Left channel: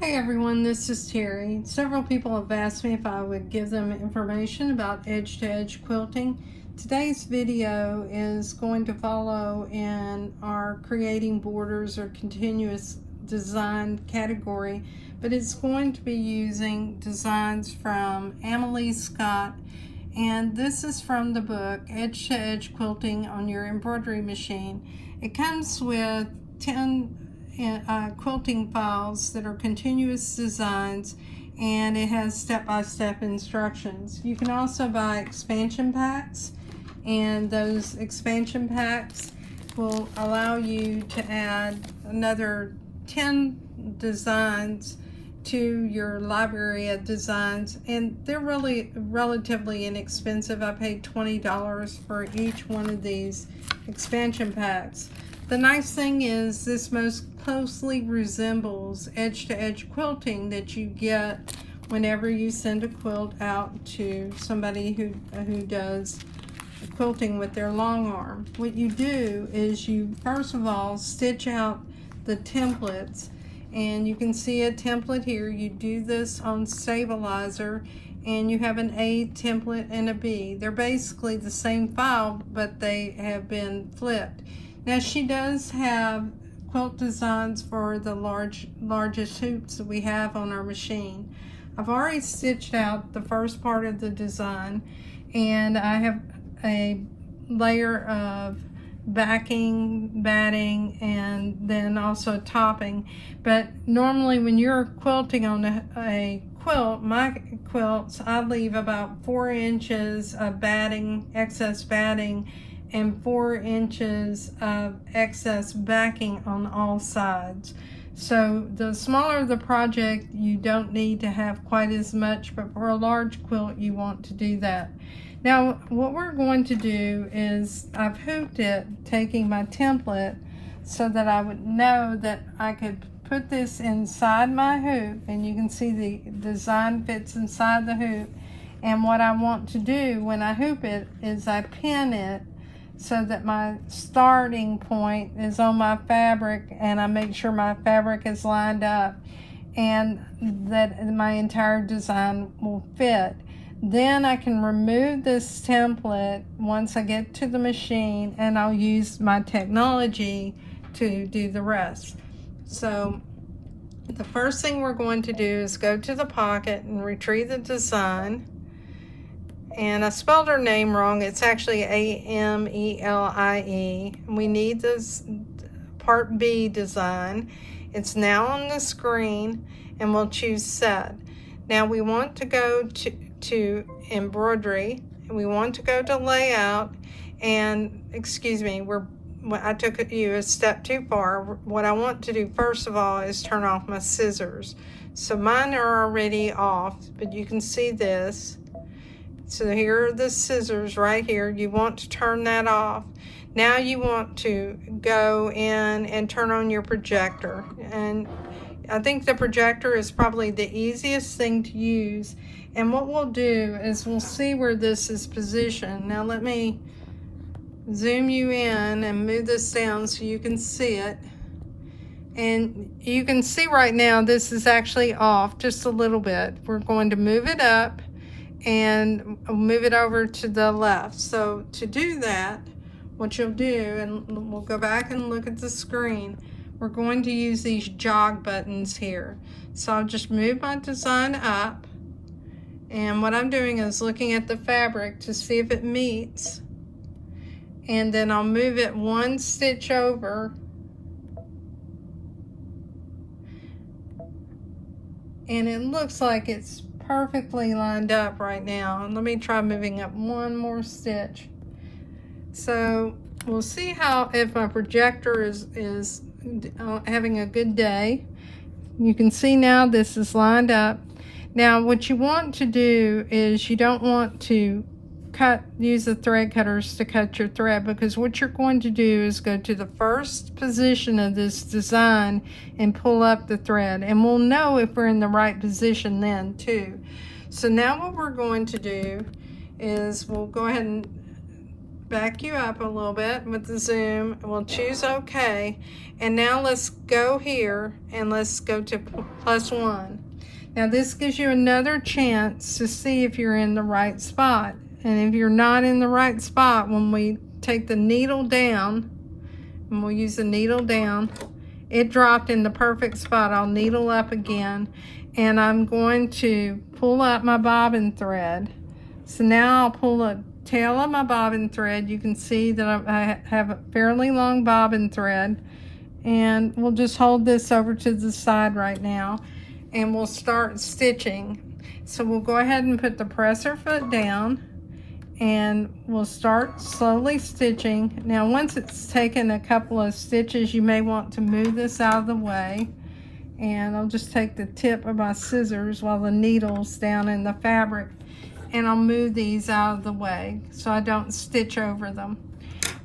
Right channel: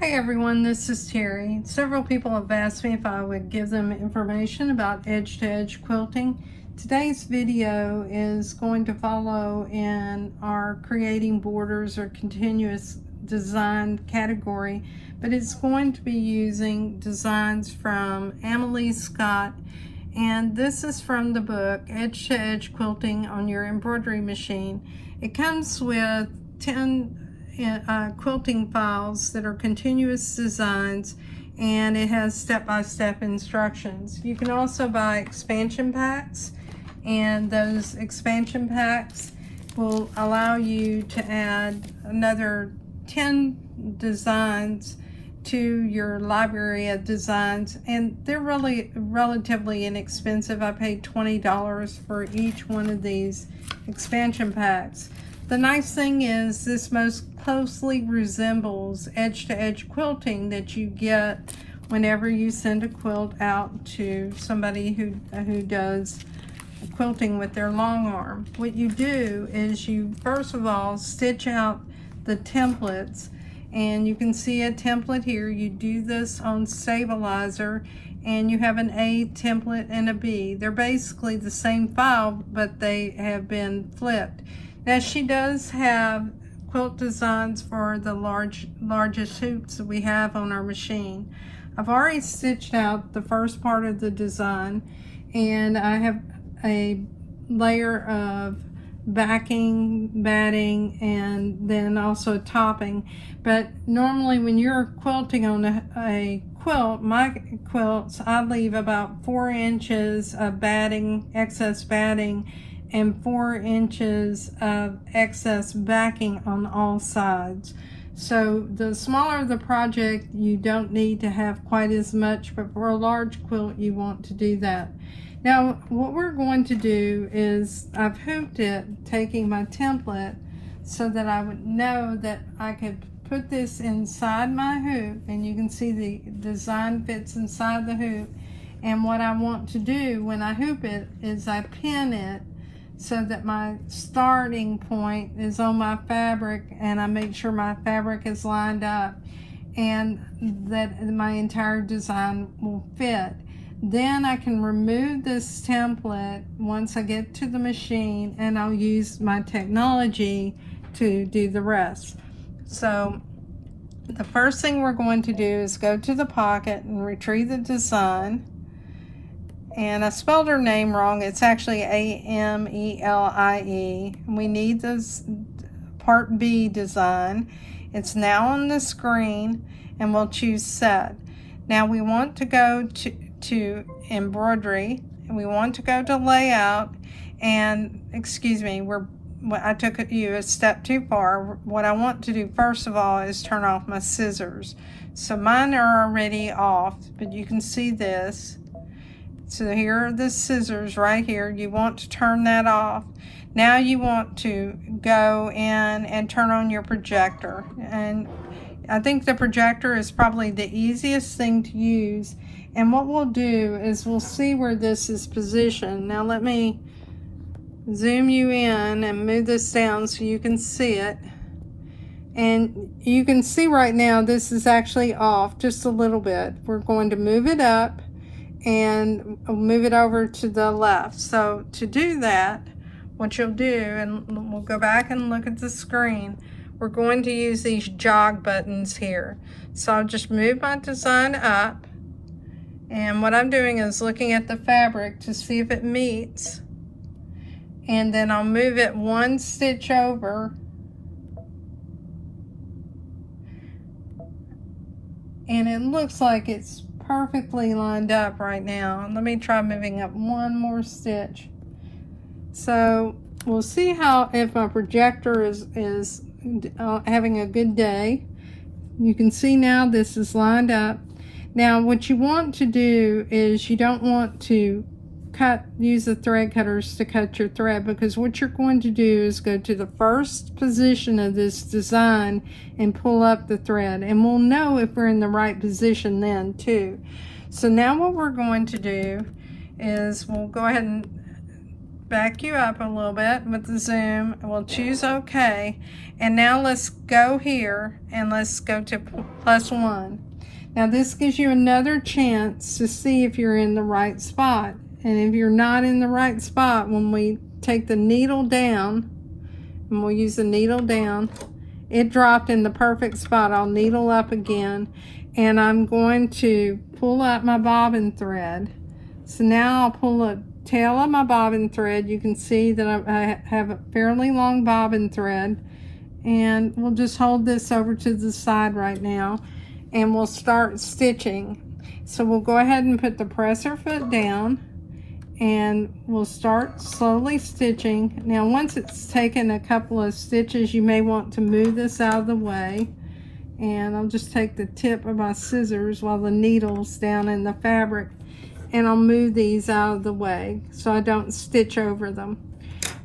Hi everyone, this is Terry. Several people have asked me if I would give them information about edge-to-edge quilting. Today's video is going to follow in our creating borders or continuous design category, but it's going to be using designs from Amelie Scott, and this is from the book Edge-to-Edge Quilting on Your Embroidery Machine. It comes with 10 quilting files that are continuous designs, and it has step-by-step instructions. You can also buy expansion packs, and those expansion packs will allow you to add another 10 designs to your library of designs, and they're really relatively inexpensive. I paid $20 for each one of these expansion packs. The nice thing is this most closely resembles edge-to-edge quilting that you get whenever you send a quilt out to somebody who does quilting with their long arm. What you do is you first of all stitch out the templates, and you can see a template here. You do this on stabilizer, and you have an A template and a B. They're basically the same file, but they have been flipped. Now she does have quilt designs for the largest hoops that we have on our machine. I've already stitched out the first part of the design, and I have a layer of backing, batting, and then also topping. But normally when you're quilting on a quilt, my quilts, I leave about 4 inches of batting, excess batting, and 4 inches of excess backing on all sides. So the smaller the project, you don't need to have quite as much, but for a large quilt you want to do that. Now what we're going to do is I've hooped it, taking my template so that I would know that I could put this inside my hoop, and you can see the design fits inside the hoop. And what I want to do when I hoop it is I pin it so that my starting point is on my fabric, and I make sure my fabric is lined up and that my entire design will fit. Then I can remove this template once I get to the machine, and I'll use my technology to do the rest. So the first thing we're going to do is go to the pocket and retrieve the design. And I spelled her name wrong. It's actually Amelie. We need this part B design. It's now on the screen, and we'll choose set. Now we want to go to embroidery, and we want to go to layout, and excuse me, I took you a step too far. What I want to do first of all is turn off my scissors. So mine are already off, but you can see this. So here are the scissors right here. You want to turn that off. Now you want to go in and turn on your projector. And I think the projector is probably the easiest thing to use. And what we'll do is we'll see where this is positioned. Now let me zoom you in and move this down so you can see it. And you can see right now this is actually off just a little bit. We're going to move it up and move it over to the left. So to do that, what you'll do, and we'll go back and look at the screen, we're going to use these jog buttons here. So I'll just move my design up, and what I'm doing is looking at the fabric to see if it meets, and then I'll move it 1 stitch over, and it looks like it's perfectly lined up right now. Let me try moving up 1 more stitch. So we'll see how if my projector is having a good day. You can see now this is lined up. Now what you want to do is you don't want to use the thread cutters to cut your thread, because what you're going to do is go to the first position of this design and pull up the thread, and we'll know if we're in the right position then too. So now what we're going to do is we'll go ahead and back you up a little bit with the zoom. We'll choose OK. And now let's go here and let's go to +1. Now this gives you another chance to see if you're in the right spot. And if you're not in the right spot, when we take the needle down, and we'll use the needle down, it dropped in the perfect spot. I'll needle up again, and I'm going to pull out my bobbin thread. So now I'll pull the tail of my bobbin thread. You can see that I have a fairly long bobbin thread, and we'll just hold this over to the side right now, and we'll start stitching. So we'll go ahead and put the presser foot down, and we'll start slowly stitching. Now once it's taken a couple of stitches, you may want to move this out of the way, and I'll just take the tip of my scissors while the needle's down in the fabric, and I'll move these out of the way so I don't stitch over them.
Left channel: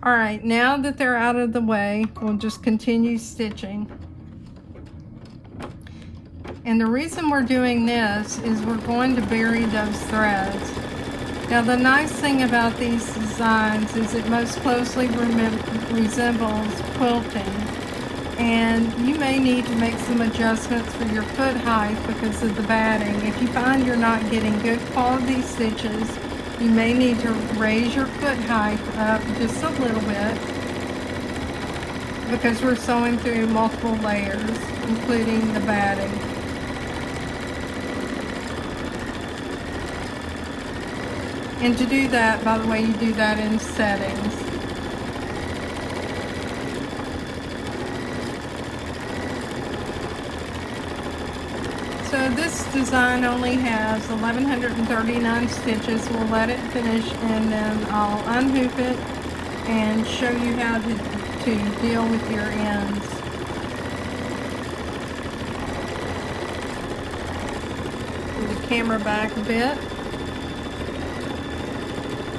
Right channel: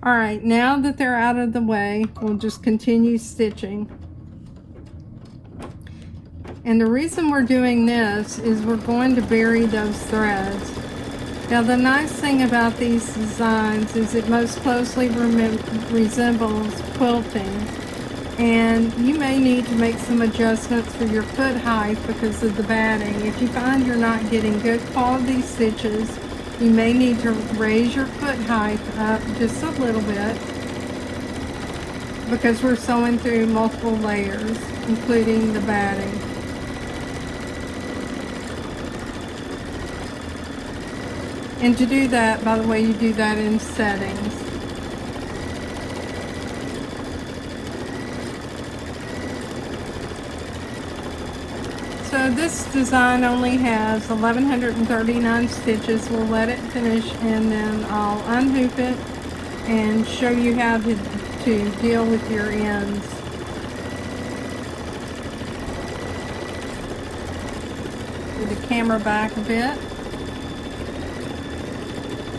All right, now that they're out of the way, we'll just continue stitching. And the reason we're doing this is we're going to bury those threads. Now the nice thing about these designs is it most closely resembles quilting, and you may need to make some adjustments for your foot height because of the batting. If you find you're not getting good quality stitches, you may need to raise your foot height up just a little bit because we're sewing through multiple layers, including the batting. And to do that, by the way, you do that in settings. So this design only has 1,139 stitches. We'll let it finish, and then I'll unhoop it and show you how to deal with your ends. Put the camera back a bit.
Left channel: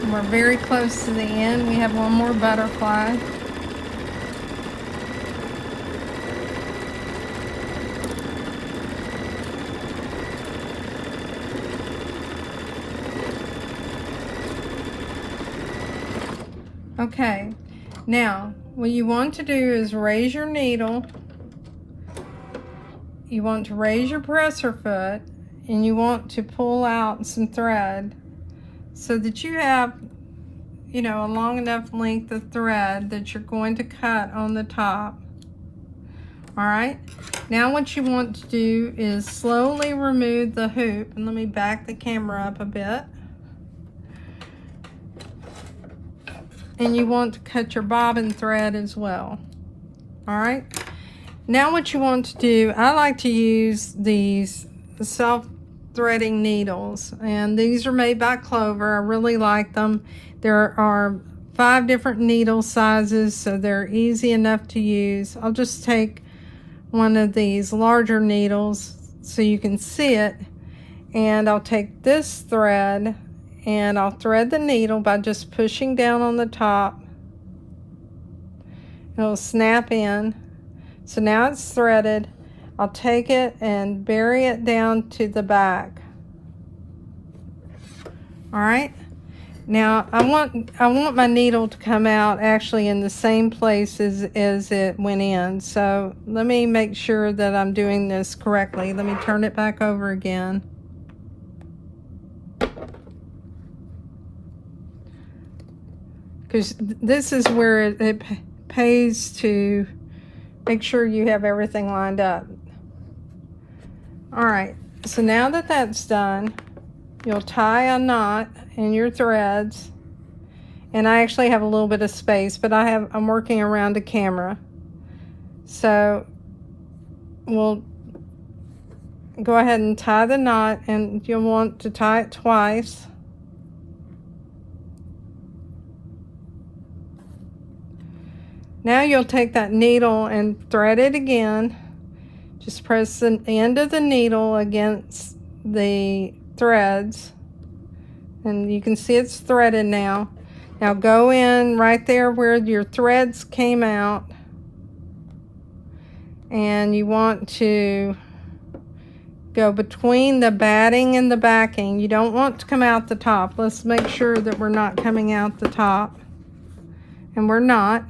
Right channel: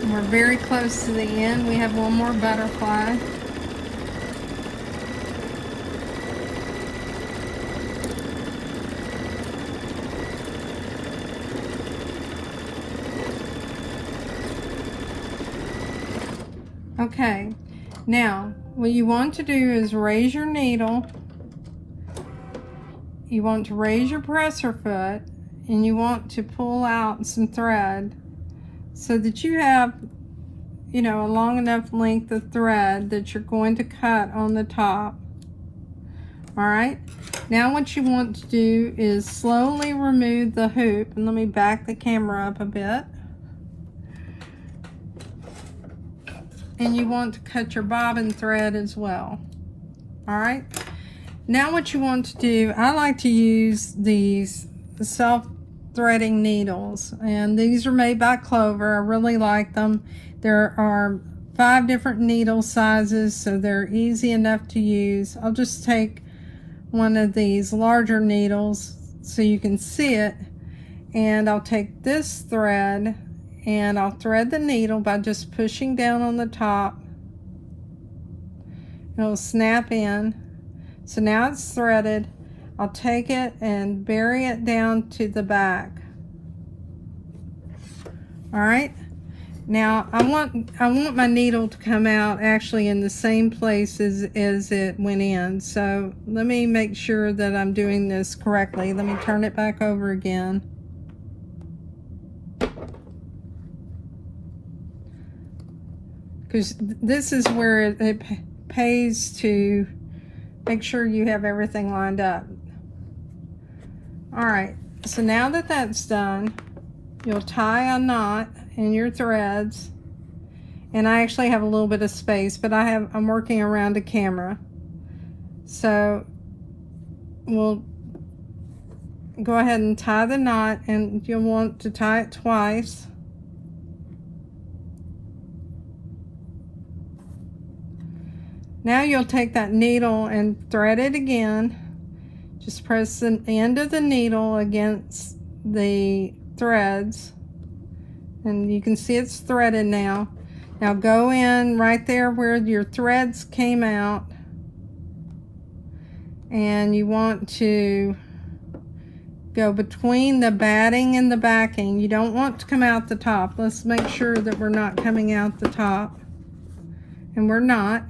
We're very close to the end. We have one more butterfly. Okay, now what you want to do is raise your needle. You want to raise your presser foot, and you want to pull out some thread so that you have, you know, a long enough length of thread that you're going to cut on the top. All right, now what you want to do is slowly remove the hoop, and let me back the camera up a bit. And you want to cut your bobbin thread as well. All right, now what you want to do, I like to use these self-threading needles, and these are made by Clover. I really like them. There are 5 different needle sizes, so they're easy enough to use. I'll just take one of these larger needles so you can see it, and I'll take this thread and I'll thread the needle by just pushing down on the top. It'll snap in. So now it's threaded. I'll take it and bury it down to the back. All right. Now I want my needle to come out actually in the same place as it went in. So let me make sure that I'm doing this correctly. Let me turn it back over again. Because this is where it pays to make sure you have everything lined up. All right, so now that that's done, you'll tie a knot in your threads. And I actually have a little bit of space, but I'm working around the camera. So we'll go ahead and tie the knot, and you'll want to tie it twice. Now you'll take that needle and thread it again. Just press the end of the needle against the threads, and you can see it's threaded now. Now go in right there where your threads came out, and you want to go between the batting and the backing. You don't want to come out the top. Let's make sure that we're not coming out the top. and we're not.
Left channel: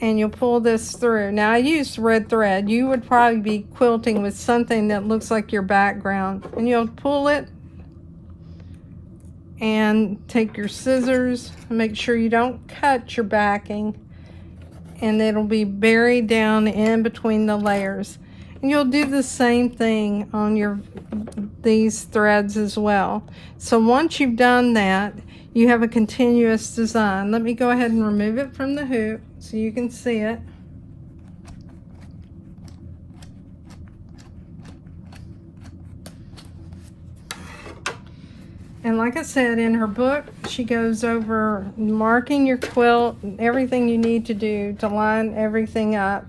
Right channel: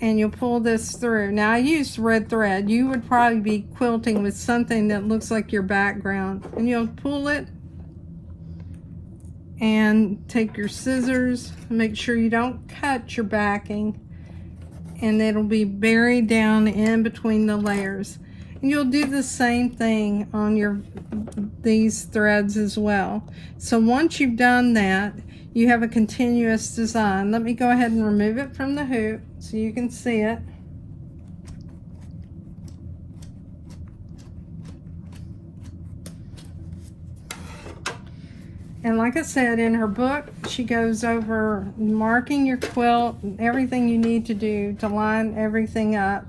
And you'll pull this through. Now I used red thread. You would probably be quilting with something that looks like your background. And you'll pull it and take your scissors, make sure you don't cut your backing, and it'll be buried down in between the layers. And you'll do the same thing on these threads as well. So once you've done that, you have a continuous design. Let me go ahead and remove it from the hoop so you can see it. And like I said, in her book, she goes over marking your quilt, everything you need to do to line everything up.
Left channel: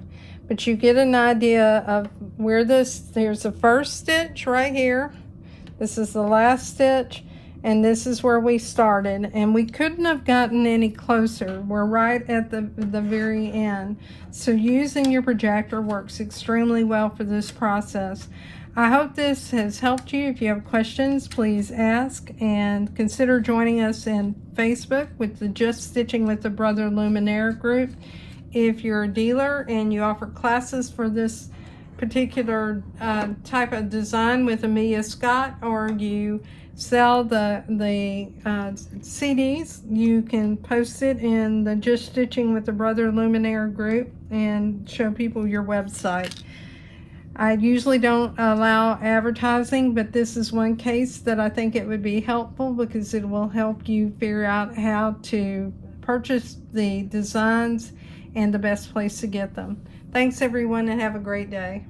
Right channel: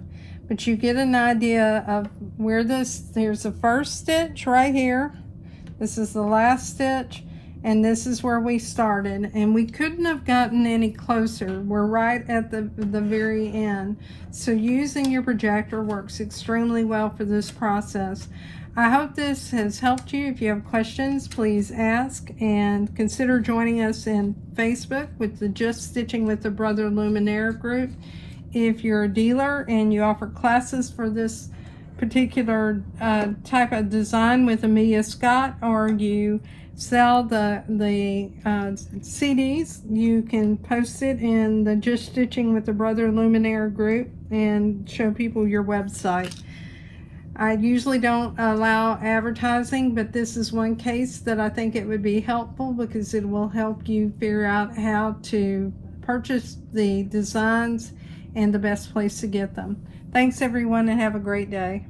But you get an idea of where there's the first stitch right here. This is the last stitch, and this is where we started. And we couldn't have gotten any closer. We're right at the very end. So using your projector works extremely well for this process. I hope this has helped you. If you have questions, please ask, and consider joining us in Facebook with the Just Stitching with the Brother Luminaire group. If you're a dealer and you offer classes for this particular type of design with Amelie Scott, or you sell the CDs, you can post it in the Just Stitching with the Brother Luminaire group and show people your website. I usually don't allow advertising, but this is one case that I think it would be helpful because it will help you figure out how to purchase the designs and the best place to get them. Thanks everyone, and have a great day.